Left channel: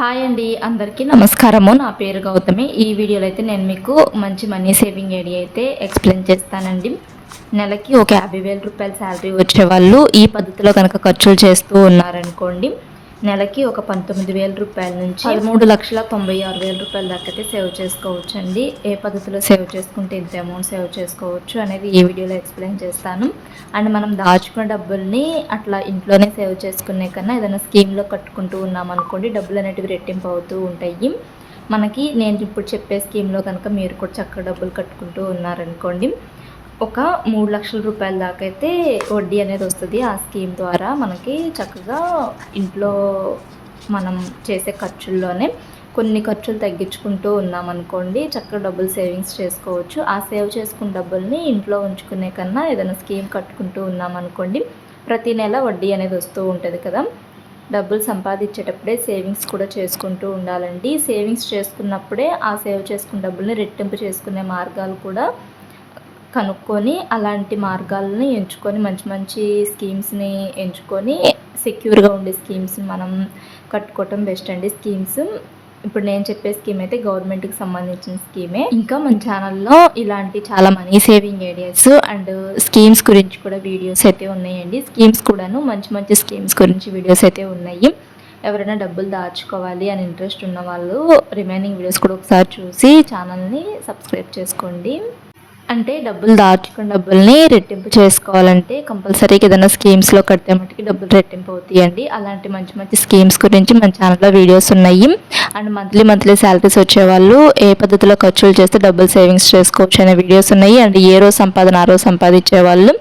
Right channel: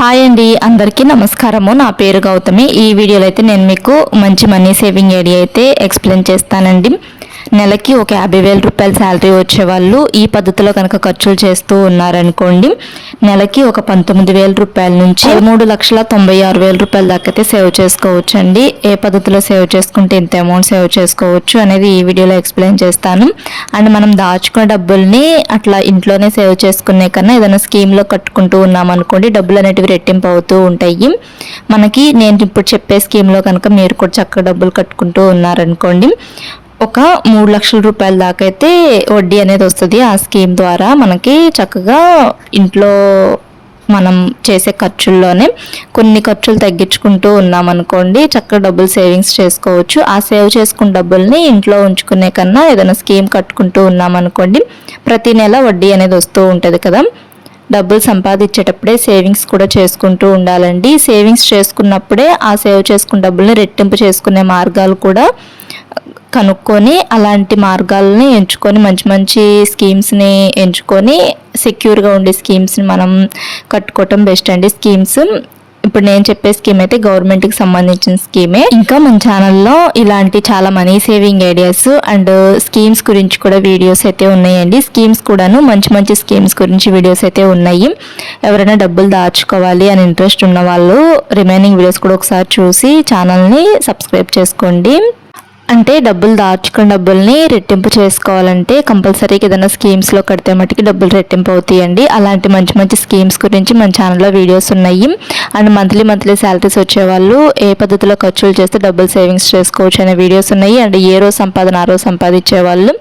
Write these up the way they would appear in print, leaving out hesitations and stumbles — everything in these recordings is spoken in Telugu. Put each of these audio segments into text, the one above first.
హాయ్ అండి, అందరికీ నమస్కారము. నా పేరు గౌతమి. ఈ వీడియోలో అయితే నేను మీకు మంచి మనీ సేవింగ్ ఐడియా అయితే ఎక్స్ప్లెయిన్ చేస్తానండి. నెలకి ఒక 50,000 రూపాయల శాలరీ వచ్చేవాళ్ళు ఈ పద్ధతిలో కనుక ఖర్చులు చేస్తూ ఉన్నారనుకోండి, నెలకి ఒక 19,000 రూపాయల నుంచి 3,96,000 రూపాయల దాకా అయితే సేవ్ చేసుకోవచ్చు అండి. ఏ పద్ధతిలో సేవ్ చేసుకుంటే ఇంత అమౌంట్ సేవ్ చేసుకోవచ్చు అనేది ఈ వీడియోలో ఎక్స్ప్లెయిన్ చేస్తాను. అండ్ మనం దాచుకున్న డబ్బుల్ని అట్లా ఇంట్లోనే సేవ్ చేసుకునే కన్నా ఏదైనా స్కీమ్లో కట్టుకుంటూ ఉన్నామనుకోండి, డబ్బులు అనేటివి రెట్టింపు అవుతూ ఉంటాయి. మనకి నేను ఇప్పుడు చెప్పే స్కీమ్లో కనుక మీరు కూడా చక్కగా డబ్బులు కట్టుకుంటూ ఉన్నారనుకోండి, ఒక 3 లక్షల రూపాయల దాకా అయితే వడ్డీ అనేది వస్తుంది. ఆ స్కీమ్ ద్వారా మనకి చక్కగా ఇంట్లో మనం చేసే ఖర్చుల్లోనే కొన్ని ఖర్చులు తగ్గించుకుంటూ ఉన్నామనుకోండి, చక్కగా డబ్బులు సేవింగ్స్ చేసుకోవచ్చు. ఆ సేవ్ చేసుకున్న డబ్బుల్ని ఇంట్లో ఉంచుకునే కన్నా ఏదైనా స్కీమ్ కట్టుకుంటూ ఉన్నామనుకోండి, ప్రతి నెల వడ్డీ అనేది వస్తూ ఉంటుంది కదా. డబ్బులు సంపాదించేటప్పుడే సేవింగ్స్ కూడా చేసుకుంటూ ఉండాలండి. సేవింగ్స్ చేసుకున్నప్పుడే ఆ సేవ్ చేసుకున్న డబ్బుల్ని రెట్టింపు చేసుకునే మార్గాలు కూడా కనుక్కొని అలాంటి మార్గాలని ఎంచుకొని మంచి మంచి స్కీమ్స్ని ఎంచుకొని సెక్యూర్గా ఉండే స్కీమ్స్ని మనం కట్టుకోవటం బెస్ట్ అండి. స్కీమ్స్ ఇప్పుడు నేను చెప్పే స్కీమ్ అయితే గవర్నమెంట్కి సంబంధించిన స్కీమే. ఇంకా మన ఛానల్లో ఇలాంటి చాలా money saving ideas and schemes గురించి కూడా వీడియోస్ అయితే ఉన్నాయండి. స్కీమ్స్ కూడాను మంచి మంచి స్కీమ్స్ గురించి వీడియోస్ అయితే ఉన్నాయి. ఎవరైనా డబ్బులు దాచుకోవాలి అని ఇంట్రెస్ట్ ఉన్న వాళ్ళు రిమైనింగ్ వీడియోస్ కూడా ఒకసారి చూసి ఛానల్ని సబ్స్క్రైబ్ చేసుకోండి. అంటే డబ్బులు దాచుకున్న డబ్బుల్ని రెట్టింపు చేసుకోవాలంటే కంపల్సరీగా ఏదైనా స్కీమ్స్లో కడితే మటుకి డబ్బులు రెట్టింపు అవుతాయండి. అలాంటి మంచి మంచి స్కీమ్స్ గురించి మన ఛానల్లో వీడియోస్ ఉన్నాయి. అండ్ మంత్లీ శాలరీస్ వచ్చేవాళ్ళు ఏ పద్ధతిలో ఖర్చులు చేస్తే డబ్బులు సేవింగ్స్ చేసుకోవచ్చు అనే వీడియోస్ ఉన్నాయి. అండ్ ఏ రోజు సంపాదన ఆ రోజు సంపాదించే వాళ్ళు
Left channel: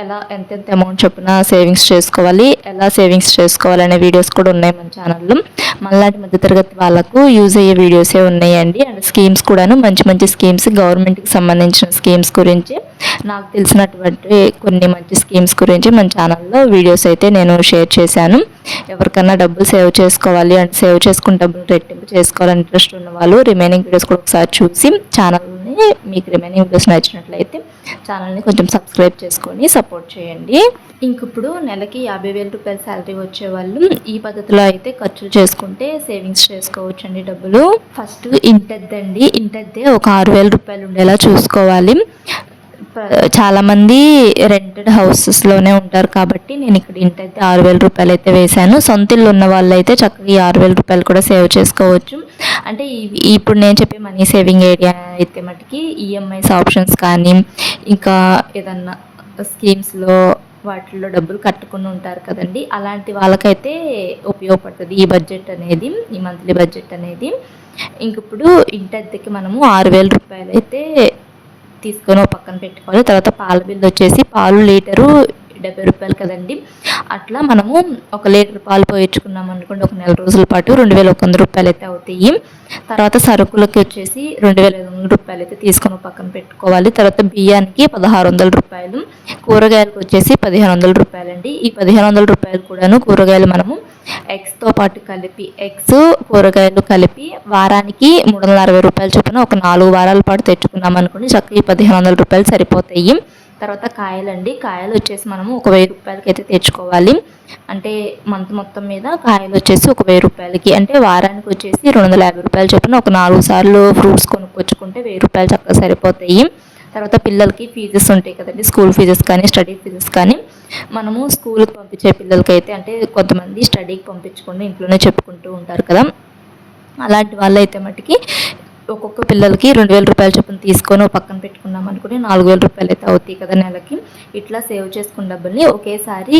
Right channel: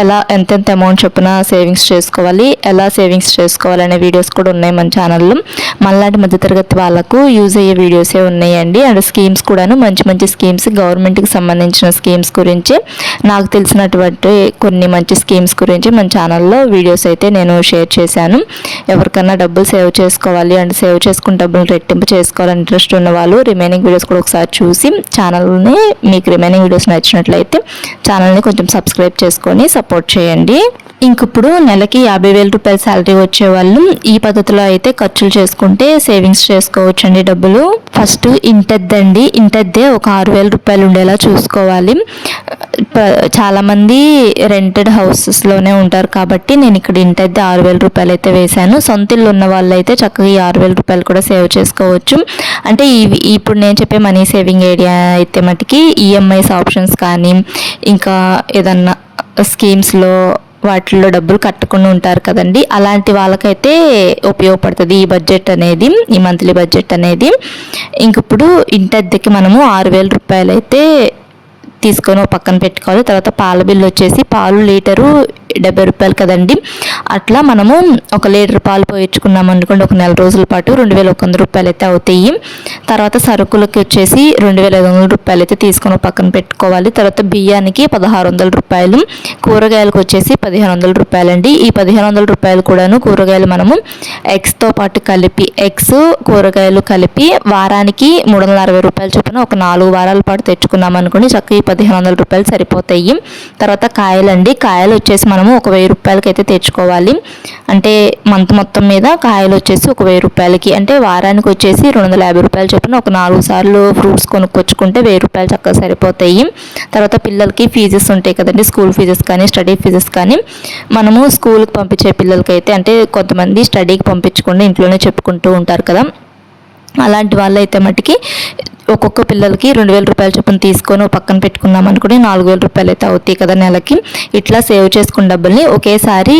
ఎలా ఎంతెంత అమౌంట్ చొప్పున సేవింగ్స్ చేసుకోవాలి, ఎలా సేవింగ్స్ చేసుకోవాలనే వీడియోస్ కూడా ఉన్నాయి మన ఛానల్లో. మనలాంటి మధ్యతరగతి వాళ్ళకు యూజ్ అయ్యే వీడియోసే ఉన్నాయండి. అండ్ స్కీమ్స్ కూడాను మంచి మంచి స్కీమ్స్ గవర్నమెంట్కి సంబంధించిన స్కీమ్స్ గురించి నాకు తెలిసినటువంటి కొన్ని మంచి స్కీమ్స్ గురించి మన ఛానల్లో వీడియోస్ అయితే నేను షేర్ చేశాను. ఎవరికన్నా డబ్బులు సేవ్ చేసుకోవాలి అంటే సేవ్ చేసుకున్న డబ్బులు రెట్టింపు చేసుకోవాలని ఇంట్రెస్ట్ ఉన్న వాళ్ళు రిమైనింగ్ వీడియోస్ కూడా ఒకసారి చూసి ఛానల్ని మీకు రిమైనింగ్ వీడియోస్ నచ్చినట్లయితే ఛానల్ని కొంచెం సబ్స్క్రైబ్ చేసుకొని సపోర్ట్ చేయండి. ఇంకిప్పుడు నెలకి 50,000 రూపాయల శాలరీ వచ్చేవాళ్ళు ఈ పద్ధతిలో అయితే ఖర్చులు చేసుకుంటే సేవింగ్స్ చేసుకోవచ్చు అండి. డబ్బులు ఫస్ట్ ఇంటద్దండి, ఇంటద్దే ఒక 6,000 రూపాయలు ఉండేలా చూసుకోవాలి. చాలామంది రెంటెడ్ హౌసెస్లోనే ఉంటారు కాబట్టి నేను ఇక్కడ ఇంటద్దే 6,000 రూపాయలు అయితే వేశాను. సొంత ఇల్లు ఉన్న వాళ్ళు అయితే చక్కగా ఈ 6,000 రూపాయలు కూడా సేవ్ చేసుకోవచ్చు. అంటే ఇప్పుడు నేను చెప్పే మనీ సేవింగ్ ఐడియా అయితే మటుకి ఈఎంఐస్ ఆప్షన్స్ కానీ ఇంకా ఏదన్నా స్కీమ్స్లో వాటిల్లో డబ్బులు కట్టుకుని ఉంటారు కదండి, అలాంటి వాళ్ళకైతే ఉపయోగపడుతుంది ఈ బడ్జెట్ అనేది, ఈ మంత్లీ బడ్జెట్ అనేది. ఇంక ఇప్పుడు ఇంటి అద్దెకి మనము 6,000 రూపాయలు అయితే తీసుకొని ఒక పక్కన పెట్టుకోవాలి. తర్వాత పాల బిల్లు వచ్చేసి పాలు లీటరు 70 రూపాయలు కదండి, అట్లా మనము 1 లీటర్ పాలు పోయించుకున్నాం అనుకోండి ఒక నెల రోజుల పాటు 2,100 రూపాయలు అయితే అవుతాయి. తర్వాత సరుకులకి వచ్చేసి 2,500 రూపాయలు అయితే తీసుకొని పక్కన పెట్టుకోవాలి. తర్వాత బియ్యానికి 1,600 రూపాయలు, కూరగాయలకు వచ్చేసి 1,500 రూపాయలు అండి. ఈ 1,500 రూపాయలు కూడాను కూరగాయలు మనము ఎగ్స్తో పాటు కలిపి ఎగ్స్ కూరగాయలు కలిపి వారానికి 360 రూపాయలు చొప్పున ఒక 4 వారాల పాటు తెచ్చుకున్నాం అనుకోండి చక్కగా 1,500 రూపాయలు సరిపోతాయి. తర్వాత కాయలండి, కాయలు వచ్చేసి మనము ఒక 1,000 రూపాయలకి అయితే తెచ్చుకోవాలి. అంటే మంత్ మొత్తం మీద కాయలు వచ్చేసి ఒక 1,000 రూపాయలకి, అంటే వారానికి వచ్చేసి 250 రూపాయలు చొప్పున ఒక 4 సార్లు ఫ్రూట్స్ కొనుక్కొచ్చుకుంటే 1,000 రూపాయలు చక్కగా సరిపోతాయి. తర్వాత పిల్లలకి ఫీజెస్ ఉంటాయి కదండి, స్కూల్ ఫీజెస్ కానీ స్టడీ ఫీజెస్ కానీ మనము స్కూల్కి పంపించే పిల్లలకి అయితే, అంటే కొంతమంది స్టడీకి పంపించకుండా ఇంట్లోనే చెప్పుకుంటూ ఉంటారు కదా, అలాంటి వాళ్ళు అయితే మటుకి ఒక్కొక్క పిల్లలకి 2,000 రూపాయల చొప్పున తీసుకొని పక్కన పెట్టుకున్నాం అనుకుని 4,000 రూపాయలు అయితే అవుతాయి కదా నెలకి. ఇట్లా సేవ్ చేసుకున్న డబ్బుల్ని ఒకేసారి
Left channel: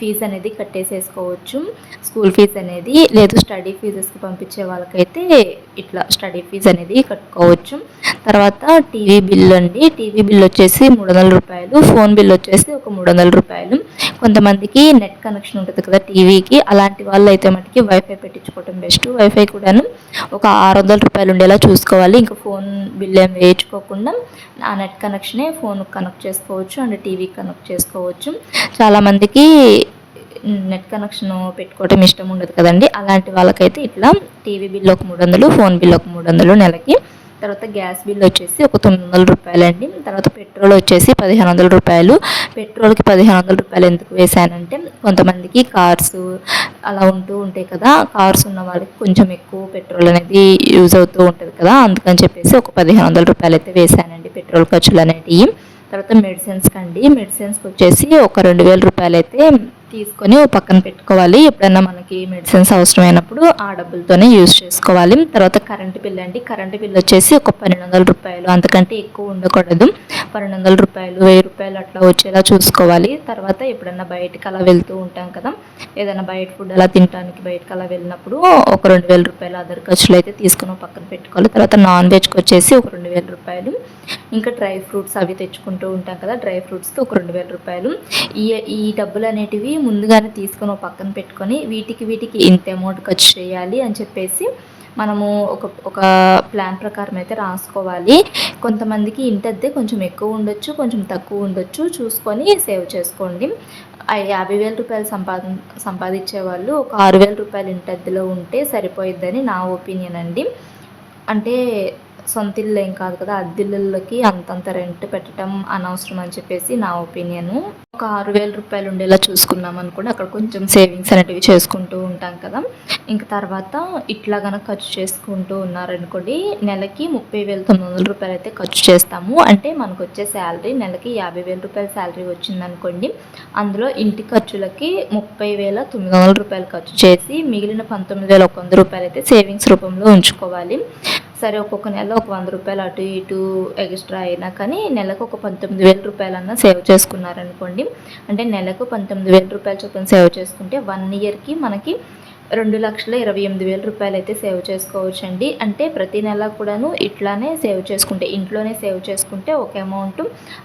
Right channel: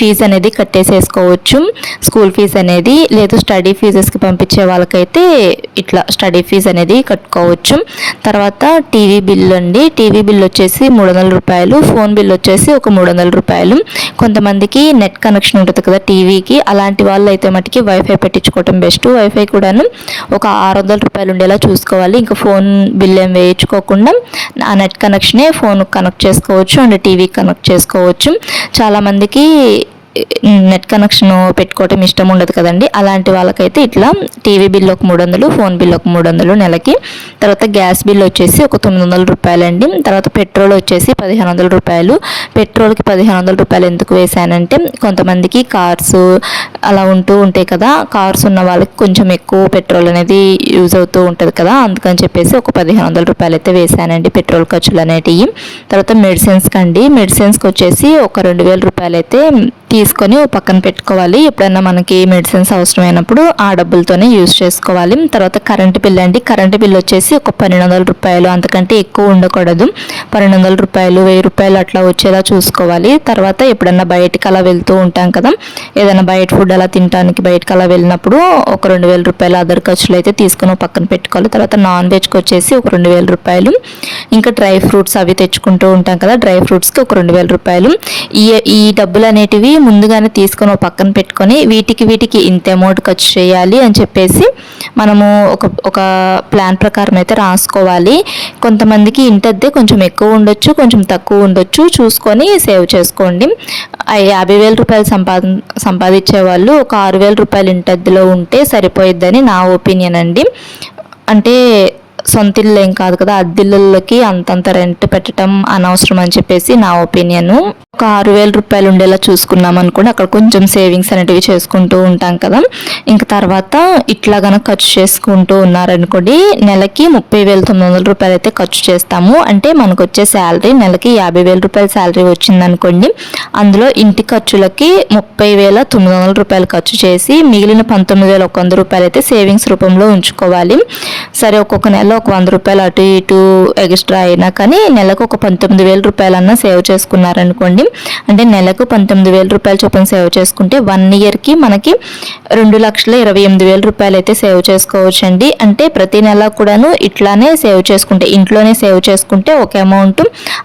ఫీజు అనేది కట్టేసేసుకోవచ్చు, స్కూల్ ఫీజు అనేది. లేదు స్టడీ ఫీజెస్కి పంపించే వాళ్ళకైతే ఇట్లా స్టడీ ఫీజు అనేది కట్టుకోవచ్చు. తర్వాత టీవీ బిల్ అండి, టీవీ బిల్ వచ్చేసి 300 రూపాయలు, ఫోన్ బిల్ వచ్చేసి ఒక 300 రూపాయలు. కొంతమందికి నెట్ కనెక్షన్ ఉంటుంది కదా టీవీకి, అలాంటి వాళ్ళు అయితే మటుకి వైఫై పెట్టించుకోవటం బెస్ట్. వైఫై కూడాను ఒక 600 రూపాయలు ఉండేలా చూసుకోవాలి. ఇంకా ఫోన్ బిల్ ఏం వేయించుకోకుండా ఆ నెట్ కనెక్షనే ఫోన్కి కనెక్ట్ చేసుకోవచ్చు అండ్ టీవీకి కనెక్ట్ చేసుకోవచ్చు. చాలామందికి నెట్ కనెక్షన్ పెట్టుకోవటం ఇష్టం ఉండదు కదండి, అలాంటి వాళ్ళకైతే ఇట్లా టీవీ బిల్ ఒక 300, ఫోన్ బిల్ ఒక 300 నెలకి. తర్వాత గ్యాస్ బిల్ వచ్చేసి ఒక 900 రూపాయలండి. తర్వాత పెట్రోల్ వచ్చేసి 1500 రూపాయలు. పెట్రోల్కి 1500 రూపాయలు ఎందుకు వేశానంటే కొంతమందికి కార్స్ అలా ఉంటూ ఉంటాయి కదా, కార్స్ ఉన్న వాళ్ళకి కొంచెం ఎక్కువ పెట్రోల్ అనేది యూజ్ అవుతూ ఉంటుంది కదా, అందుకని చెప్పేసి ఒక 1500 రూపాయలు అయితే వేశానండి పెట్రోల్ ఖర్చులు అనేటివి. తర్వాత మెడిసిన్స్కి వచ్చేసి ఒక 2000 రూపాయలు అయితే తీసుకొని పక్కన పెట్టుకోవాలి. ఎప్పుడైనా మనకి మెడిసిన్స్ అవసరమైనప్పుడు ఆ డబ్బులతోనే యూజ్ చేసుకోవాలి. తర్వాత కరెంటు బిల్ వచ్చేసి ఒక 1200 రూపాయలు, అంతకంటే ఎక్కువ ఉండకూడదు. 1200 రూపాయలు, 1000 రూపాయలు అట్లా వచ్చేలా చూసుకోవాలి. తర్వాత ఎప్పుడన్నా బయటికి అలా వెళ్తూ ఉంటాం కదా, ఏదైనా బయట ఫుడ్ అలా తినడానికి బయటకు అలా వెళ్ళినప్పుడు ఒక 2000 రూపాయలు అదర్ ఖర్చులు అయితే తీసుకొని పక్కన పెట్టుకోవాలి. తర్వాత నాన్ వెజ్కి వచ్చేసి ఒక 2000 రూపాయలు. ఇంకా డ్రై ఫ్రూట్స్ అవి తెచ్చుకుంటూ ఉంటాం కదా, డ్రై ఫ్రూట్స్కి ఒక 2000 రూపాయలు. ఈ డబ్బులు అనేటివి ముందుగానే తీసుకొని పక్కన పెట్టుకొని వీటికి ఇంత అమౌంట్ ఖర్చు చేయాలి అని చెప్పేసి మనము ఒక ప్లాన్ ప్రకారం అయితే రాసుకోవాలి. కొంతమందికి ఇంటద్దే కొంచెం ఎక్కువ ఉండొచ్చు, కొంచెం తక్కువ ఉండొచ్చు, చూసుకొని సేవ్ చేసుకోండి. 50,000 రూపాయలు సంపాదించే వాళ్ళు ఒక 6,000 రూపాయలు ఇంటద్దిలో ఉంటే సరిపోయిద్దని నా ఒపీనియన్ అండి. అంటే సొంత ఇల్లు ఏం కాదు కదా, అద్దెళ్ళకి అంతంత రెంట్ పెట్టడం అనవసరం అని చెప్పేసి నా ఒపీనియన్. ఒక 6,000 రూపాయలు ఉండేలా చూసుకున్నాం అనుకోండి, అక్కడ కొంచెం సేవింగ్స్ అనేటివి చేసుకుంటూ ఉంటాం కదా. ఇంకా తర్వాత ఇట్లా కనుక ఖర్చు చేసుకుంటూ ఉన్నారనుకోండి, నెలకి 30,900 రూపాయలు అయితే ఖర్చు చేస్తాము. అంటే మనకు వచ్చే శాలరీ నెలకి 50,000 రూపాయల శాలరీ వచ్చిందనుకోండి, అందులో ఇంటి ఖర్చులకి 30,900 రూపాయలు ఖర్చు చేసి మిగిలిన 19,100 రూపాయలు అయితే సేవింగ్స్ రూపంలో ఉంచుకోవాలి. సరే, ఒక్కొక్క నెల ఒక 100 రూపాయలు అటు ఇటు ఎక్స్ట్రా అయినా కానీ నెలకు ఒక 19,000 రూపాయలన్నా సేవ్ చేసుకున్నారనుకోండి, అంటే నెలకు 19,000 రూపాయలు చొప్పున సేవ్ చేసుకుంటే 1 ఇయర్కి మనకి 2,28,000 రూపాయలు అయితే సేవ్ చేసుకోవచ్చండి. అంటే ప్రతి నెల కూడాను ఇట్లానే సేవ్ చేసుకుంటే, ఇంట్లోనే సేవ్ చేసుకుంటే ఒక అమౌంట్,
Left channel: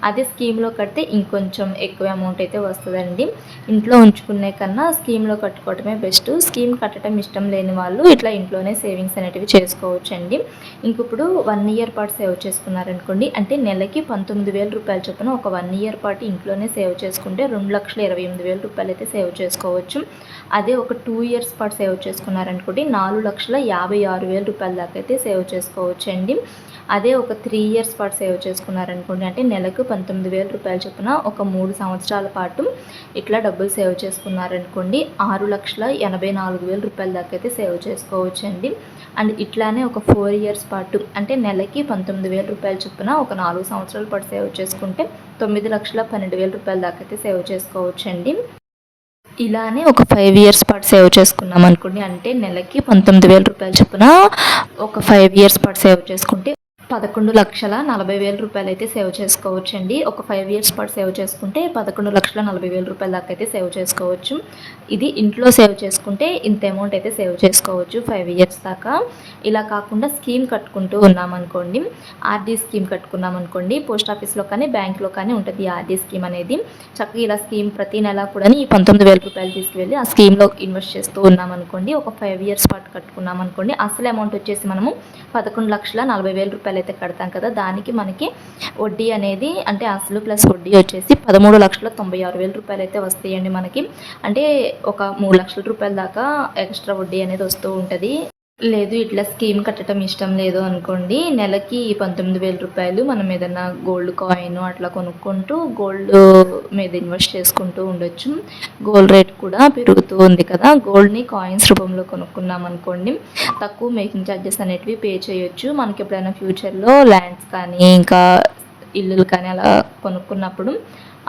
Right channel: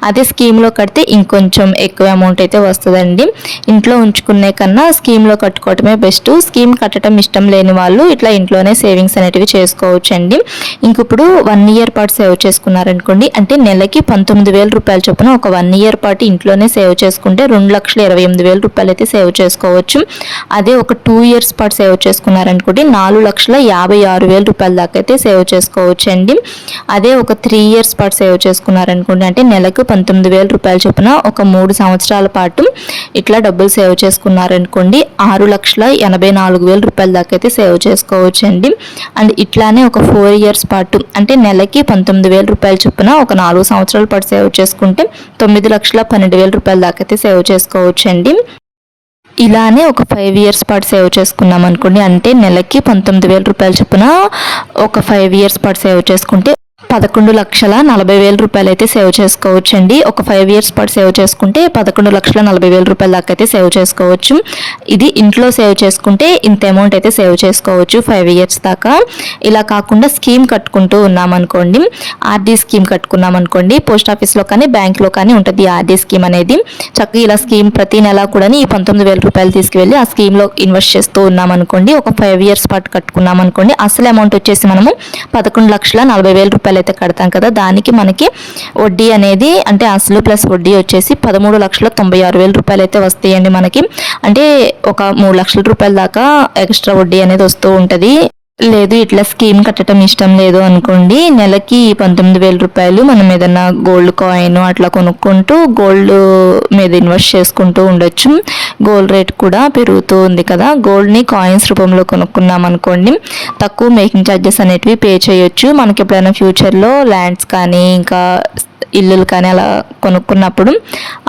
అదే స్కీమ్లో కడితే ఇంకొంచెం ఎక్కువ అమౌంట్ అయితే వస్తుందండి. ఇంట్లో ఉంచుకునే కన్నా స్కీమ్లో కట్టుకోవటమే బెస్ట్. స్కీమ్ కట్టడం ఇష్టం లేని వాళ్ళు ఇట్లా ఇంట్లోనే సేవింగ్స్ అనేటివి చేసుకోవచ్చండి. ఇంక ఇప్పుడు 1 ఇయర్ పాటు సేవ్ చేసుకున్నారనుకోండి, అంటే నెలకి 19,000 రూపాయలు చొప్పున ఒక 1 ఇయర్ పాటు ఇంట్లోనే సేవ్ చేసుకుంటే 2,28,000 రూపాయలు అయితే సేవ్ చేసుకోవచ్చు. అదే ఒక 2 ఇయర్స్ పాటు సేవ్ చేసుకున్నారనుకోండి 4,56,000 రూపాయల దాకా అయితే సేవ్ చేసుకోవచ్చు అండి. అదే ఒక 3 ఇయర్స్ పాటు సేవ్ చేసుకున్నారనుకోండి, అంటే నెలకు 19,000 రూపాయలు చొప్పున ఒక 3 సంవత్సరాల పాటు ఇట్లా డబ్బులు సేవ్ చేసుకున్నారనుకోండి 6,84,000 రూపాయల దాకా అయితే సేవ్ చేసుకోవచ్చు అండి. అండ్ ఇట్లానే ఒక 4 ఇయర్స్ పాటు, అంటే నెలకి 19,000 రూపాయల చొప్పున ఒక 4 సంవత్సరాల పాటు సేవ్ చేసుకుంటే 9,12,000 రూపాయల దాకా అయితే సేవ్ చేసుకోవచ్చు అండి. ఇలానే ఒక 5 ఇయర్స్ పాటు సేవ్ చేసుకున్నాం అనుకోండి, అంటే నెలకి 19,000 రూపాయల చొప్పున ఒక 5 ఇయర్స్ పాటు సేవ్ చేసుకుంటే 11,40,000 రూపాయలు అయితే సేవ్ చేసుకోవచ్చు అండి. ఒక 5 ఇయర్స్ పాటు సేవ్ చేసుకుంటే 11,40,000 రూపాయల దాకా అయితే సేవ్ చేసుకోవచ్చు. ఇది ఇంట్లో సేవ్ చేసుకుంటే ఇంత అమౌంట్ అయితే సేవ్ చేసుకోవచ్చు 5 ఇయర్స్ దాకా. ఇలా కాకుండా స్కీమ్ కట్టుకుంటూ ఉన్నామనుకోండి, ఆర్డీ స్కీమ్ కట్టుకున్నాం అనుకోండి, పోస్ట్ ఆఫీస్లో కానీ బ్యాంక్లో కానీ ఉంటుంది ఆర్డీ స్కీమ్ అనేది. చక్కగా ఇలా స్కీమ్ ప్రతి నెల కూడా ఈ 19,000 రూపాయలు తీసుకువెళ్ళి ఆ స్కీమ్లో ఇన్వెస్ట్ చేస్తూ ఉన్నామనుకోండి, ఒక 5 ఇయర్స్ పాటు కట్టుకున్నాం అనుకోండి, అసలు అమౌంట్ వచ్చేసి మనము 11,40,000 రూపాయలు అయితే కడతాం కదా, దానికి మనకి వడ్డీ అనేది, అంటే అసలు ప్లస్ వడ్డీ వచ్చేసి 13,96,000 రూపాయలు అయితే వస్తాయండి మనకి. అంటే ఒక 3 లక్షల రూపాయల దాకా ఎక్స్ట్రా వడ్డీ అనేది వస్తూ ఉంటుంది. లేదు ఇట్లా స్కీమ్ కట్టడం ఇష్టం లేదు అనుకోండి, నెలకి 19,000 రూపాయలు మనం ఏదన్నా గోల్డ్ కాయిన్ అట్లా కొనుక్కుంటూ గోల్డ్ మీద ఇన్వెస్ట్ చేసుకుంటూ ఉండొచ్చు. గోల్డ్ రేట్ కూడా పెరుగుతూ ఉంది కదా, గోల్డ్ని కాయిన్స్ రూపంలో కొనుక్కున్నాం అనుకోండి తక్కువ మేకింగ్ ఛార్జెస్ అనేటివి పే చేయొచ్చు. మనకి ఎప్పుడైనా ఫ్యూచర్లో ల్యాండ్స్ కానీ ఇంకా ఇల్లులు కానీ అలా కొనుక్కున్నప్పుడు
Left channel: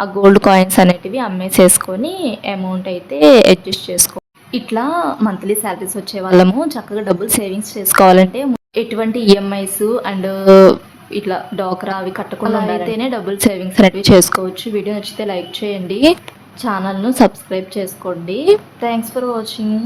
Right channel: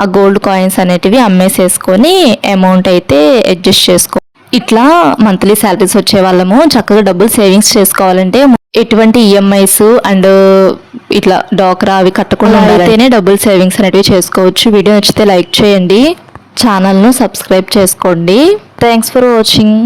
ఆ గోల్డ్ కాయిన్స్ అనేటివి అమ్మేసేసుకొని అమౌంట్ అయితే అడ్జస్ట్ చేసుకో. ఇట్లా మంత్లీ శాలరీస్ వచ్చే వాళ్ళము చక్కగా డబ్బులు సేవింగ్స్ చేసుకోవాలంటే ఎటువంటి ఈఎంఐస్ అండ్ ఇట్లా డాక్రా అవి కట్టకుండా అయితేనే డబ్బులు సేవింగ్స్ అనేటివి చేసుకోవచ్చు. వీడియో నచ్చితే లైక్ చేయండి, ఛానల్ను సబ్స్క్రైబ్ చేసుకోండి. Thanks for watching.